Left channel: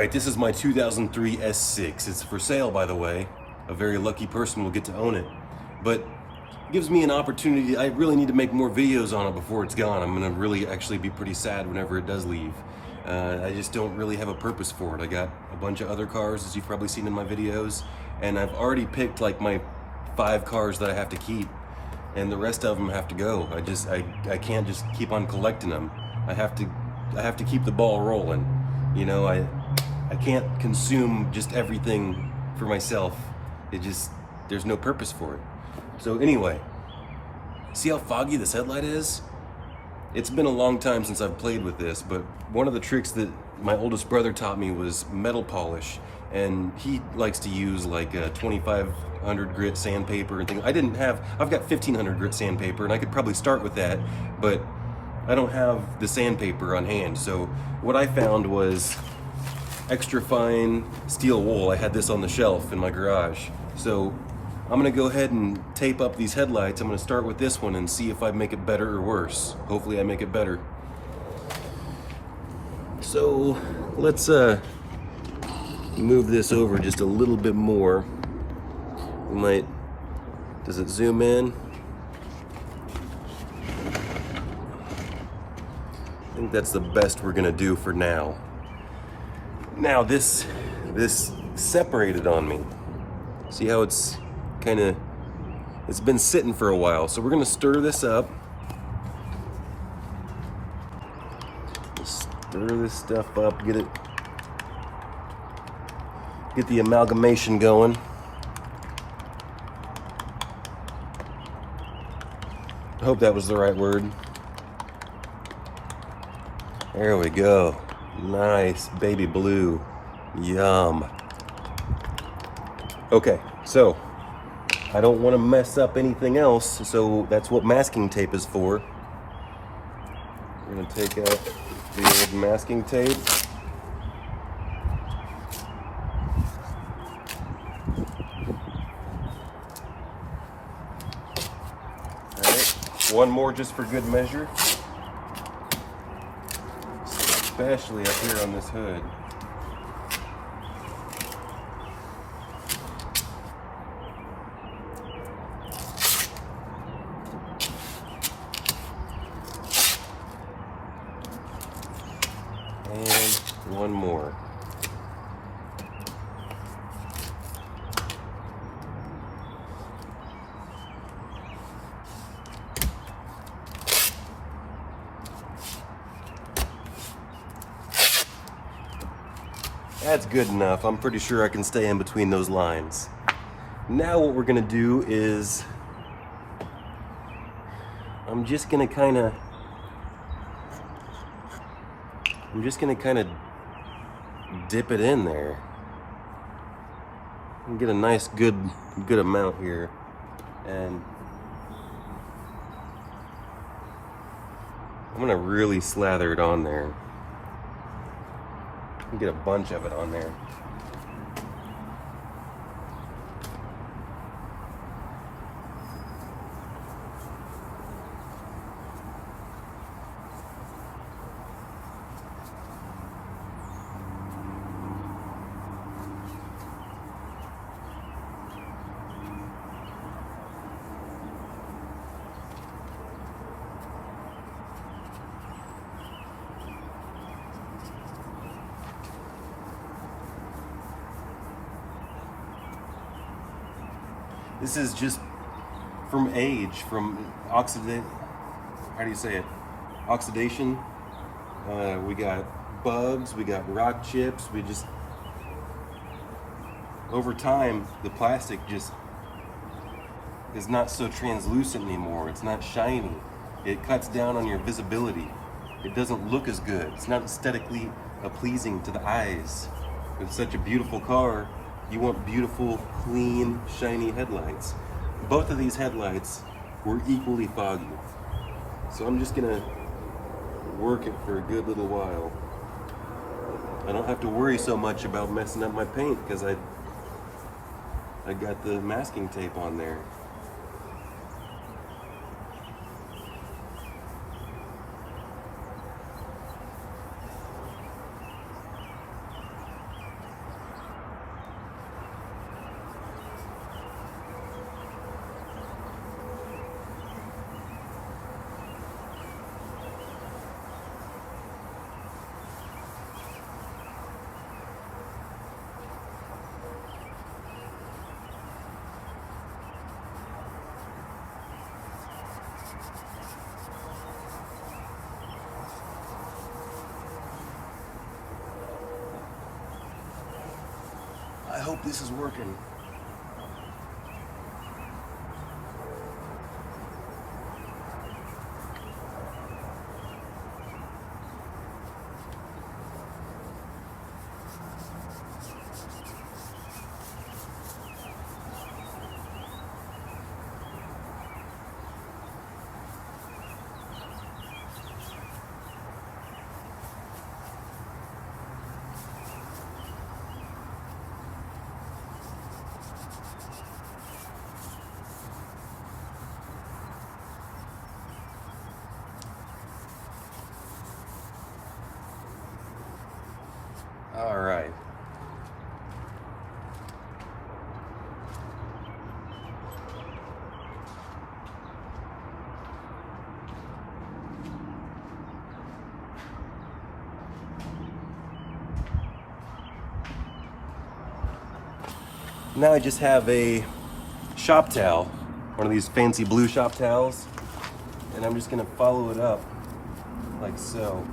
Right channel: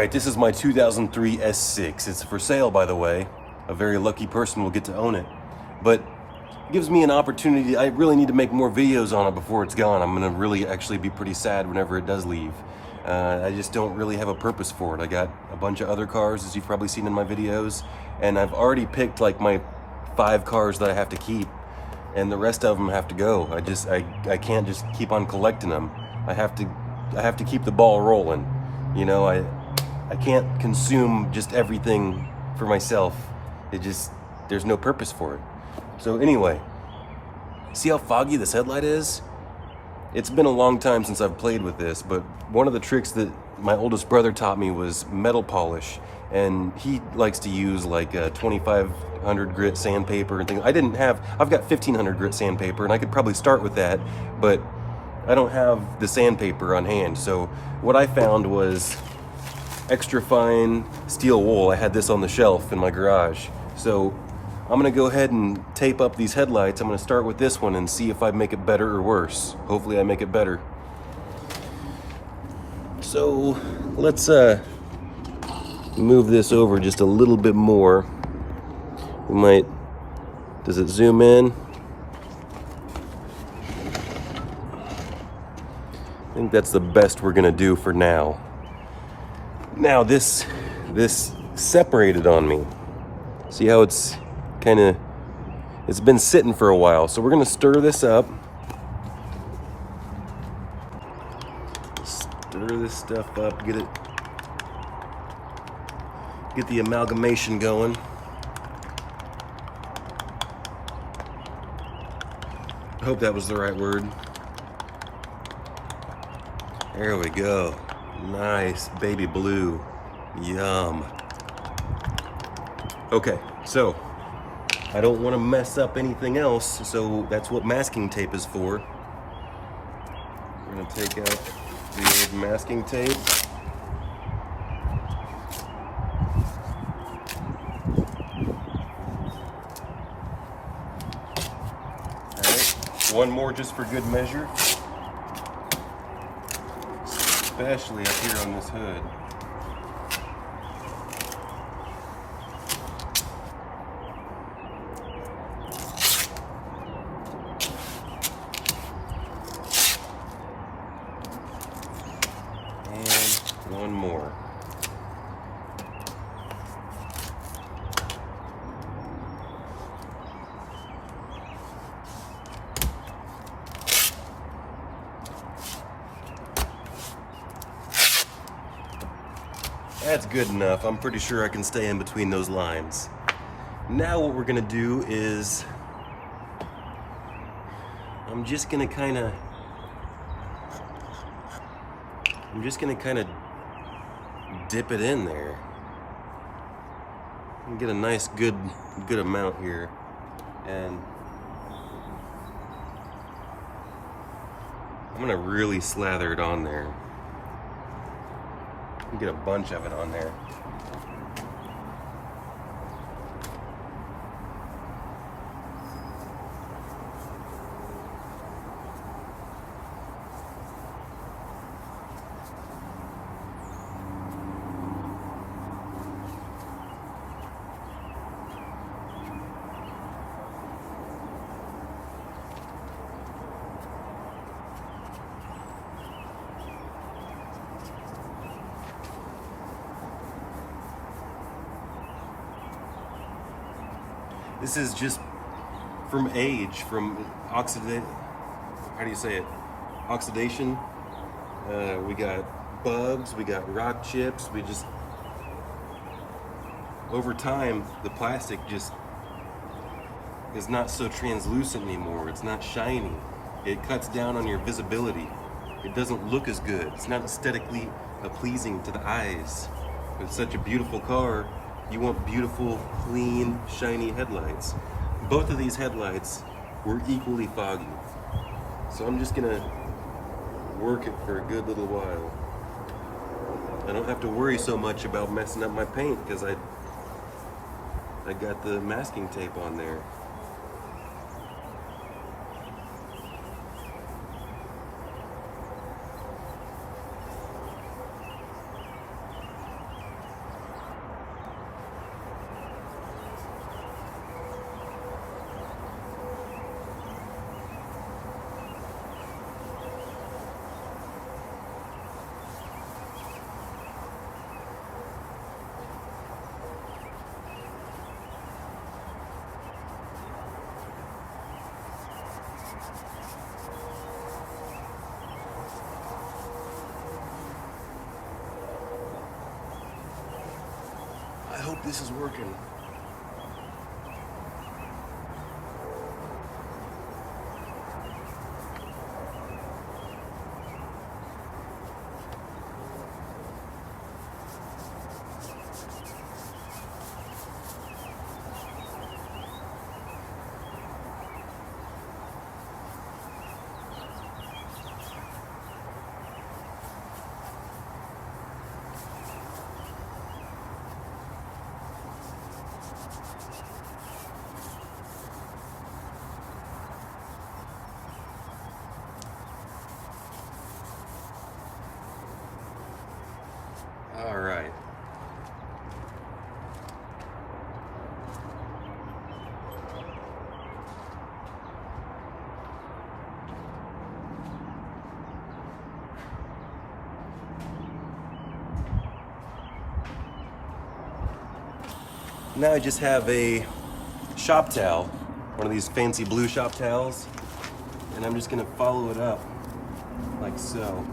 Alright, this is my 2003 S6. It's for sale, by the way. A very lucky person will get to own it. But it gives me an opportunity. I really need to make more videos on it before it's gone. I'm going to really actually be pretty sad whenever it does leave. I just don't really have a purpose for it. I got a bunch of other cars, as you've probably seen in my videos, and I've already picked like my 5 cars that I have to keep, and the rest of them have to go. I can't just keep on collecting them. I have to keep the ball rolling. You know, I can't consume just everything for myself. There's no purpose for it. So anyway, see how foggy this headlight is? It's been a long time since I've played with this, but one of the tricks that my oldest brother taught me was metal polish, and he likes to use like 2500 grit sandpaper and things. I've got 1500 grit sandpaper, and I could probably start with that, but I don't have the sandpaper on hand. So what I found was extra fine steel wool. I had this on the shelf in my garage. So I'm gonna go ahead and tape up these headlights. I'm gonna start with this one and see if I make it better or worse. Hopefully I make it better. So let's move this over just a little bit more. Does it zoom in? I think that's the best we're gonna do for now. Now this separated on me. See how it's been sitting for a while. So we're gonna stir this up. Stir this stuff up, get the amalgamation going. I hope that was the right word. There we go. Nice baby blue. Yum. Okay, so I don't want to mess up anything else, so that's what masking tape is for. We're going to take out the old masking tape. Alright, one more just for good measure. Especially up here on this hood. And one more. That's good enough. I'm pretty sure I can stay in between those lines. Now what we're gonna do is I'm just gonna kind of dip it in there and get a nice good amount here, and I'm gonna really slather it on there. Get a bunch of it on there. This is just from age, from oxidation. How do you say it? Oxidation. We got bugs, we got rock chips. Over time, the plastic just is not so translucent anymore. It's not shiny. It cuts down on your visibility. It doesn't look as good. It's not aesthetically pleasing to the eyes. With such a beautiful car, you want beautiful, clean, shiny headlights. Both of these headlights were equally foggy. So I'm just gonna work it for a good little while. I don't have to worry so much about messing up my paint because I got the masking tape on there. I hope this is working. All right. Now I just have a shop towel, one of these fancy blue shop towels, and I'm just gonna follow it up like so.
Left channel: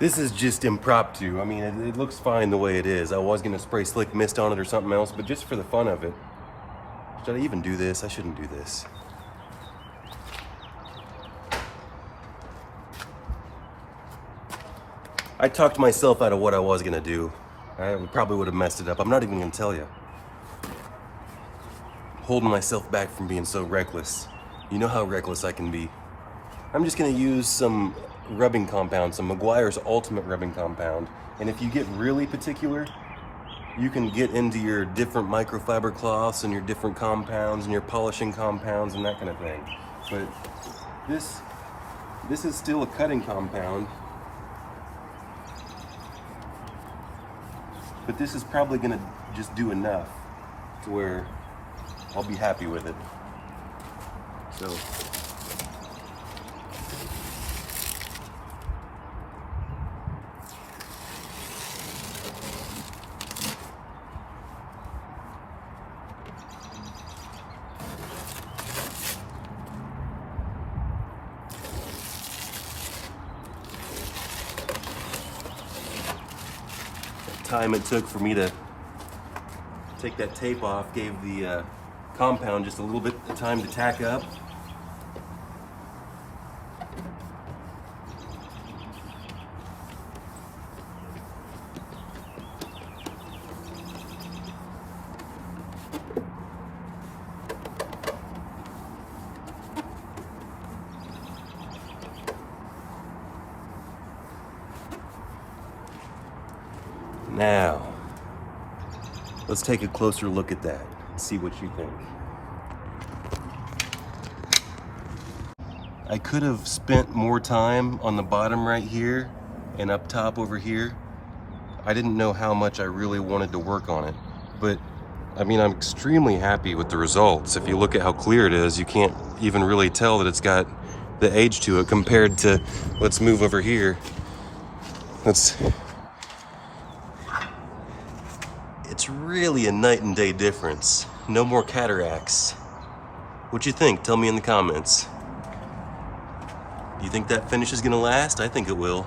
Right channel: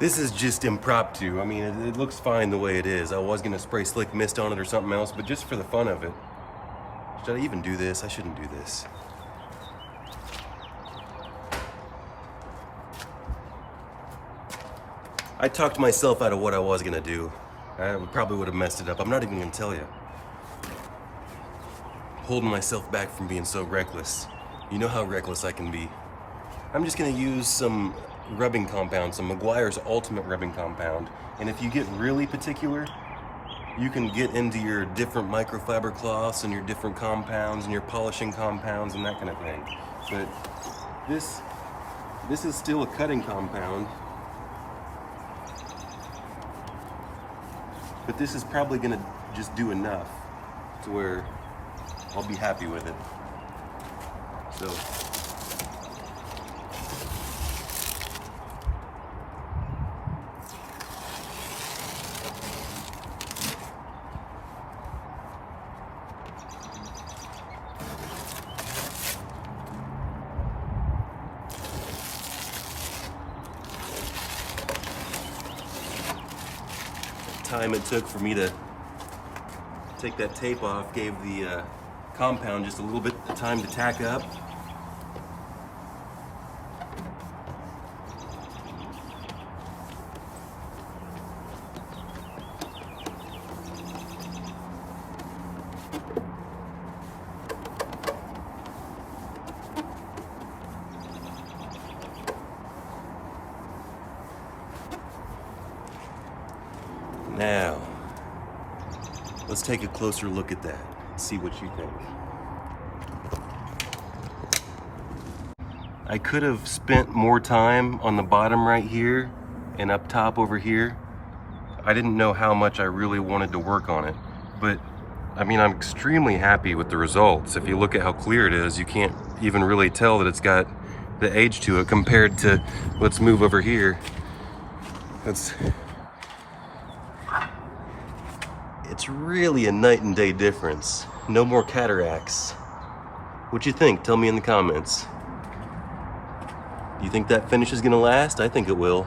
This is just impromptu. I mean, it looks fine the way it is. I was gonna spray slick mist on it or something else, but just for the fun of it. Should I even do this? I shouldn't do this. I talked myself out of what I was gonna do. I probably would have messed it up. I'm not even gonna tell you. Holding myself back from being so reckless. You know how reckless I can be. I'm just gonna use some rubbing compound, some Meguiar's Ultimate rubbing compound. And if you get really particular, you can get into your different microfiber cloths and your different compounds and your polishing compounds and that kind of thing. But this is still a cutting compound. But this is probably gonna just do enough to where I'll be happy with it. So. Time it took for me to take that tape off gave the compound just a little bit of time to tack up. Now, let's take a closer look at that and see what you think. I could have spent more time on the bottom right here and up top over here. I didn't know how much I really wanted to work on it, but I mean, I'm extremely happy with the results. If you look at how clear it is, you can't even really tell that it's got the age to it compared to, let's move over here. It's really a night and day difference. No more cataracts. What you think? Tell me in the comments. Do you think that finish is gonna last? I think it will.